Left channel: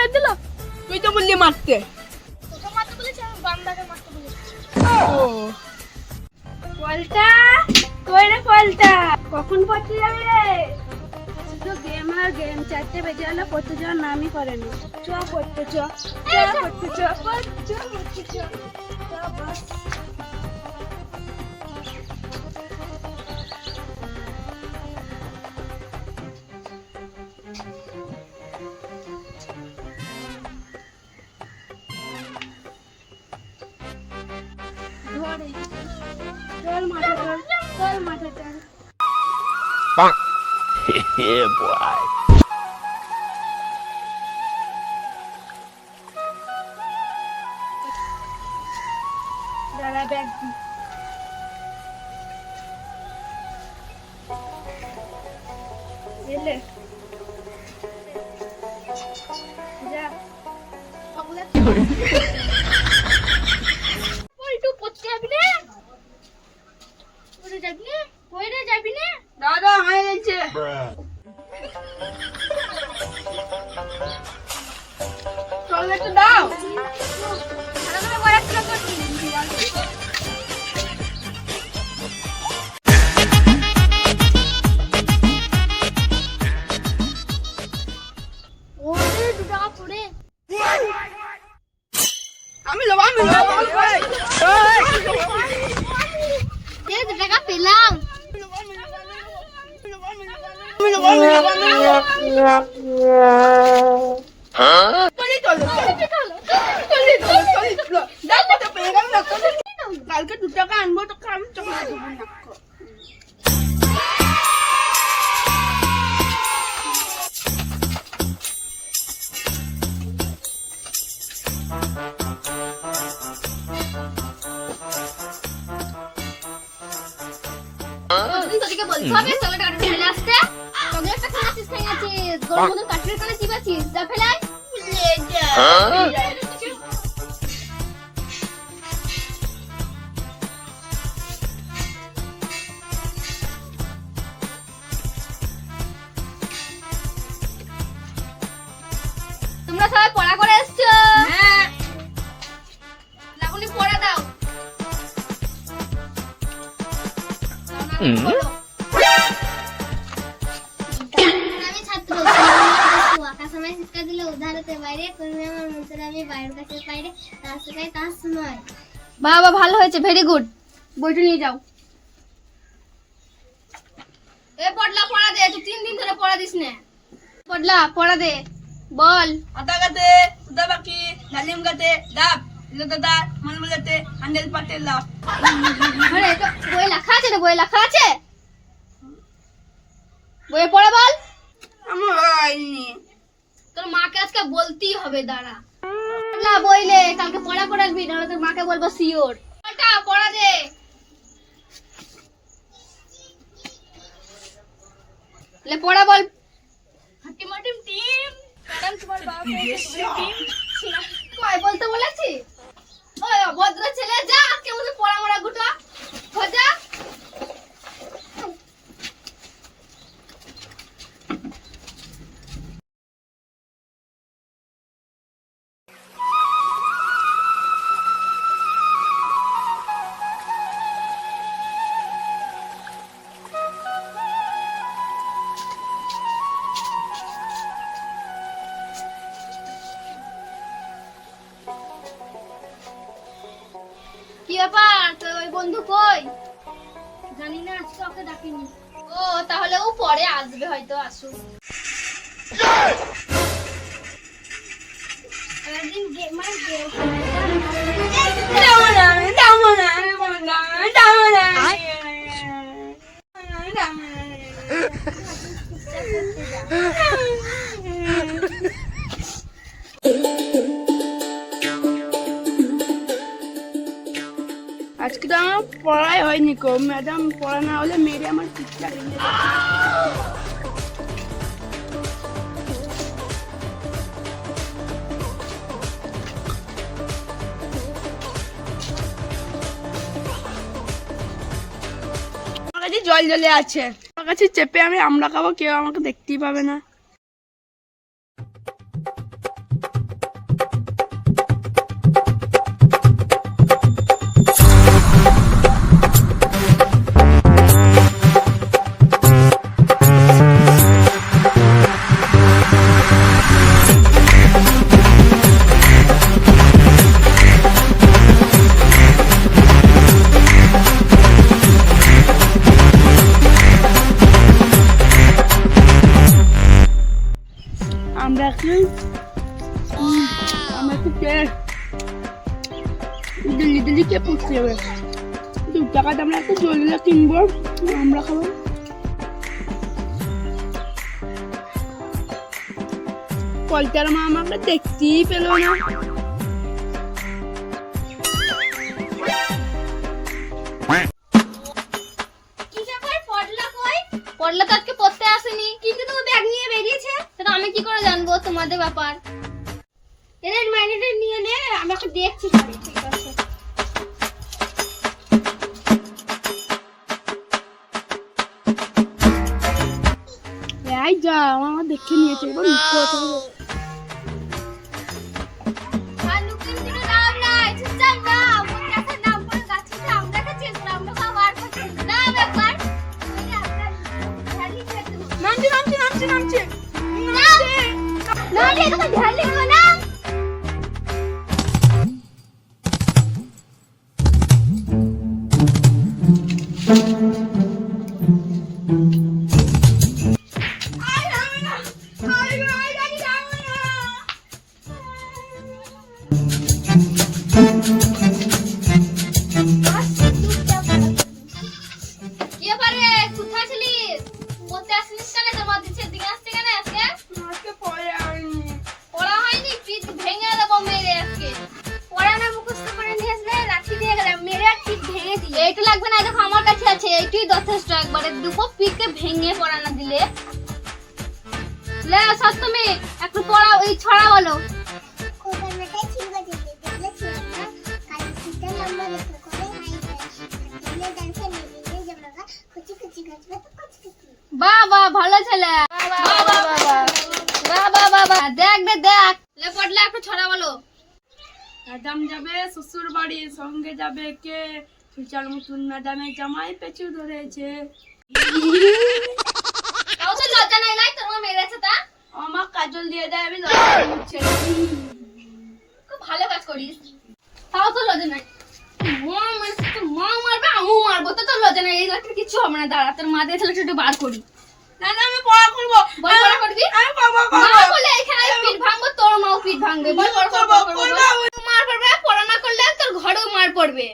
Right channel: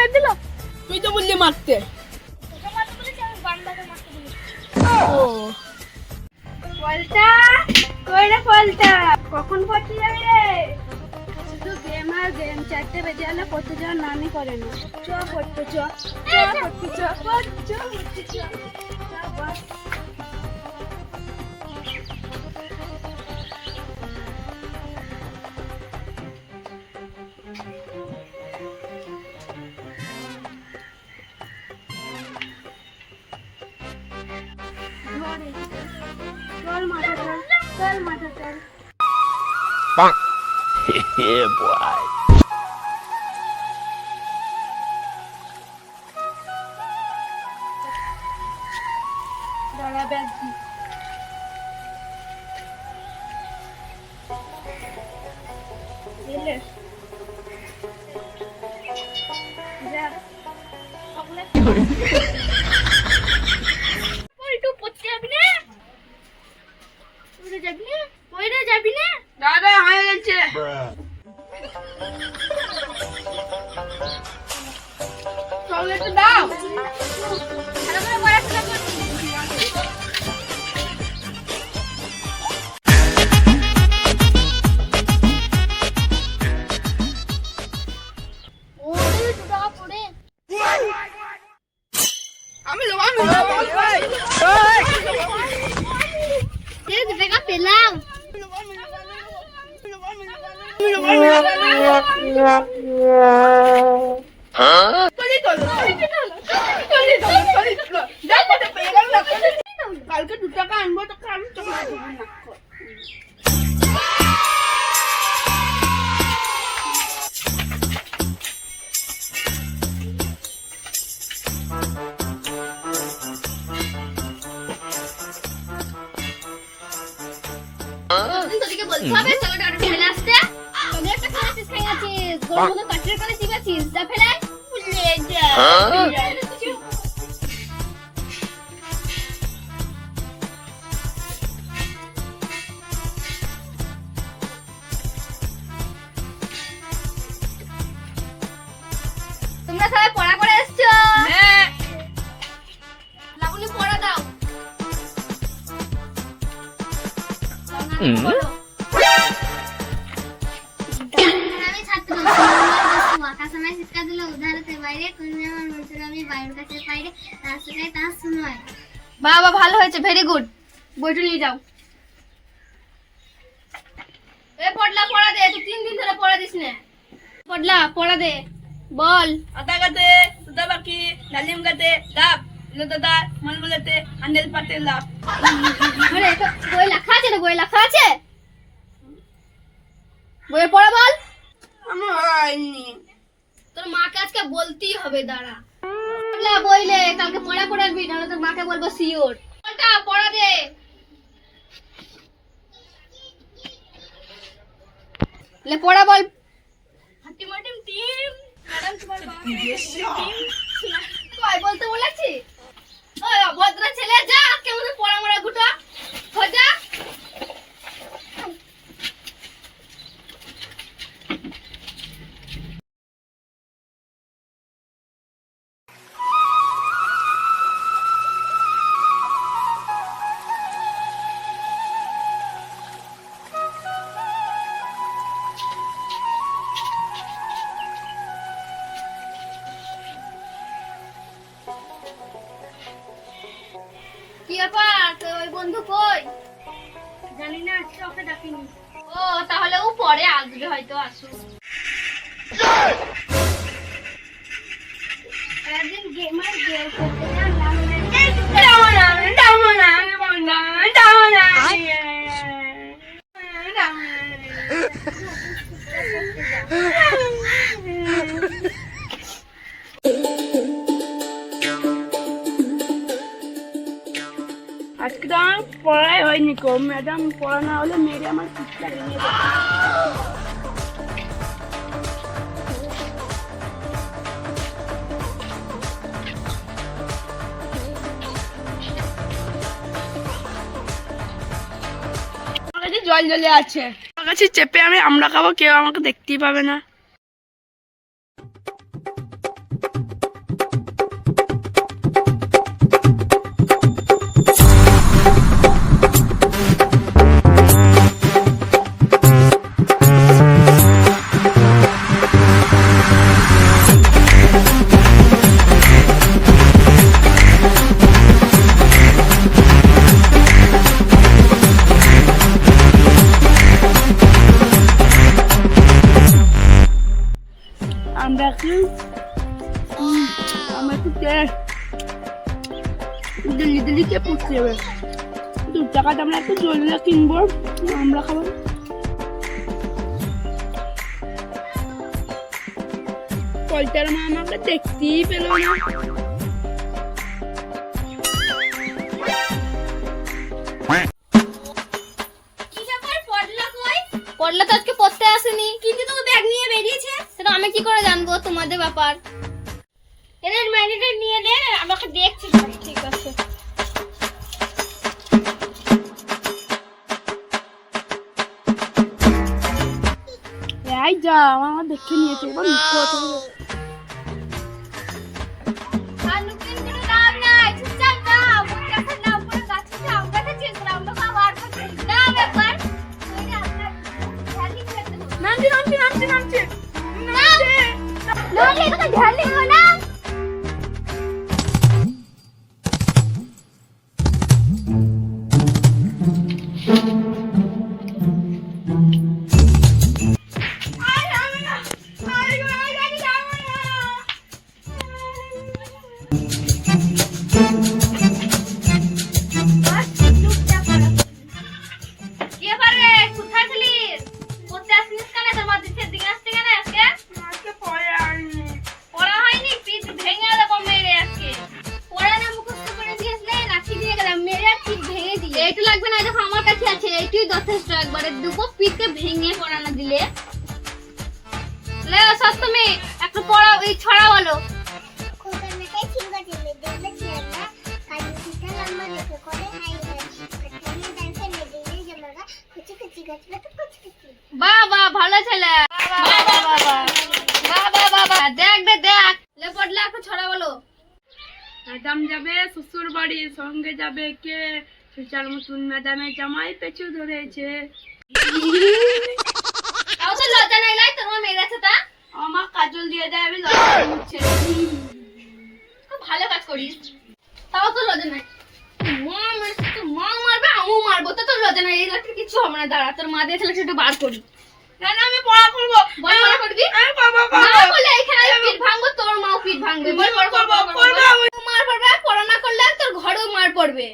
মেরে দিল। তুই তো বললি মারতে। তোকে মারতে বলেছি, আমি বান্দাকে মারতে বলেছি। ও পলটা, কই রে পলটা? কখন পড়তে যাবি রে? শুধু গেম আর গেম, 4টে বেজে গেল পড়তে যাওয়ার নামই করে না। চ পড়তে চ, পড়তে চ, পড়তে চ। চল মাঠে চল, চল মাঠে চল। Yeah, boy. দাঁড়া ব্যাগ দি। এলে যা একটু পড়তে যাবি না? ওরে যাবি না? ওরে যাবি না? দাদা হয়ে গেছে। চল একটু দাও। আমরা পড়াশোনা করছি। ওরে দুটা পড়ে আমি লোবা এই এই টাকা পেলাম। কালকে 2 টাকা আনবো তোকে আমি চকলেট দেবো না। তোদেরকে বলতে হবে চকলেট ফেলে আসতে। চকলেটটা খাচ্ছিস খাইয়াছিস, তোর মতো কাঠের কানে চিবাছিস, যা ফেলাই। তোমরা সবাই পড়া করে এসছো? হ্যাঁ লাবণী পড়া দাও। আমি ছাত্র আকাশ আমায় শিক্ষা দিল উদাহরণের বাইরে কর্মী আমার বলতে আমি বাইরের কাছে বাইরে রাস্তায় তা শুনয়। বাবা ভালো হয়েছে, ভেরি গুড। বইটা নিয়ে যাও। এ পড়লা পড়া দে, তুই 3 দিন ধরে পড়া দিস না। পড়লা পড়া দে, বল। আটা গাতে সুদা বাকি ডালিম গাতে ডাব লো দাদা মান বলাতে আন্ডেল পাতে লাভ। আরে এটা বই লেখা আছে রে, বই লেখা আছে। বইয়ে পড়া বল। আমার হয়নি। তোর মাকে আজকে বলতেই হবে, দাঁড়া। না বইলে কালকে পড়া করে আসবি, নাহলে তোর মাকে বলবো সিওর। বলটা পড়া দে। লে পড়া বল। হাটি মাটিম টিম টান তোমার বাবা টিম কই বলতে বলেছি? ওই অভদ্র ছেলে, যা কেমন পড়া মরা গুটা খোঁজা। কি ব্যাপার, তোর ওই বন্ধু কই? জানি না, আজকে ওকে ডাকিনি। ও তাহলে ও পরে আসবে, হয়তো আসুক। একদিন গেমার গেম যাবো না যাবো না যাবো না। আজকে তো আমার পড়াই হয়নি কো, ম্যাডাম পড়া না হলে মেরে আমার চিৎকার নিয়ে জল জলে আছে, আমার কাছে চেপে আমি আমরা খাবো, কেউ আমাকে দেখতেই পাবে না। আমরা কি আমার তো দিল্লি দিল্লি কে পুষতে হবে 2 টাকাটা আমরা একটা জলিলা কিনবো আমরা খাবো পলটার মা আমাকে দেখতেই পেল না কি ব্যাপার পড়লা কই পড়লা তো আজকে পড়তে আসেনি কিন্তু তো ব্যাগ নিয়ে বেরিয়েছে সেটা আমি কি করে জানবো তোমাদের ব্যাপার এর মাইনেটা নিয়ে নে আমাকে দেখছি ঠিক আছে এই যা আমার দেখে নিয়েছে এবার মিথ্যে কথা বলে। আর লুকিয়ে কিন্তু লাভ নাই চুপচাপ না আমার কাছে নাম পড়ে গাছে আমরা কাছে আমরা বাবার কাছে না ব্যাপার ওই আপনার ঢালি খেতে নামছি না এটা ঢালি না কে পারে কোথায় ছিলিস পড়তে আসিস কেন তোর মা দিচ্ছে দিকে আসছে কেন আজকে আজকে পরে আইনি পড়া হয়নি পিঠ ভেঙে দেবো মেরে আজকে পড়া না মুখস্থ করে নিয়ে আসলে লাঠি দিয়ে গেলাম মেরে আর পিঠ ভেঙে দিই এইটা লাগবে না দেখো আমার কাছে আছে এইটাই যথেষ্ট একবারে দুপো পিঠকে ভেঙে পড়া না দিলে লে সপ্তমী একটু পড়া ওই ছড়া বলো কোকামেটাই ছিলগা দিলে দেখলে ছিল না কাল সিটা লম্বা রেখে করে হাই হাই ডান্সে মেলে জামাগা কুচি কুচি গাছ তো কুচি কুচি বাবা ভালো ছেলে বাবা বাবা বাবা দেখ দেখ লে পড়লা একটু ছড়া বলো ম্যাডাম যাবে শ্বশুর বাড়ি সঙ্গে যাবে কে সুচার মতন ম্যাডামের জামাই পেছু ধরেছে তাও তো লজ্জা নাই লাই তোমার মেরেছে তা আমার কাজল দিয়ে দেয় আমি লজ্জা করছি খুব ভালো কাজ করিস তাও তো লজ্জা নাই মা মেরেছে তো মা মারবে আমিও মারবো তো তোর লজ্জা নাই এই লাঠি কিছু হবে না দাঁড়া তোর মা দিয়ে তাহলে একটু বার করি না আমি পড়া করবো বল পড়া করবি আমি বাবা না বলে এখানে পিঠ ভাঙবো তোর মাও পিঠ ভাঙবে বল পড়া করবো মার পড়বে পড়া না করলে তোর ঘরেও মার পড়বে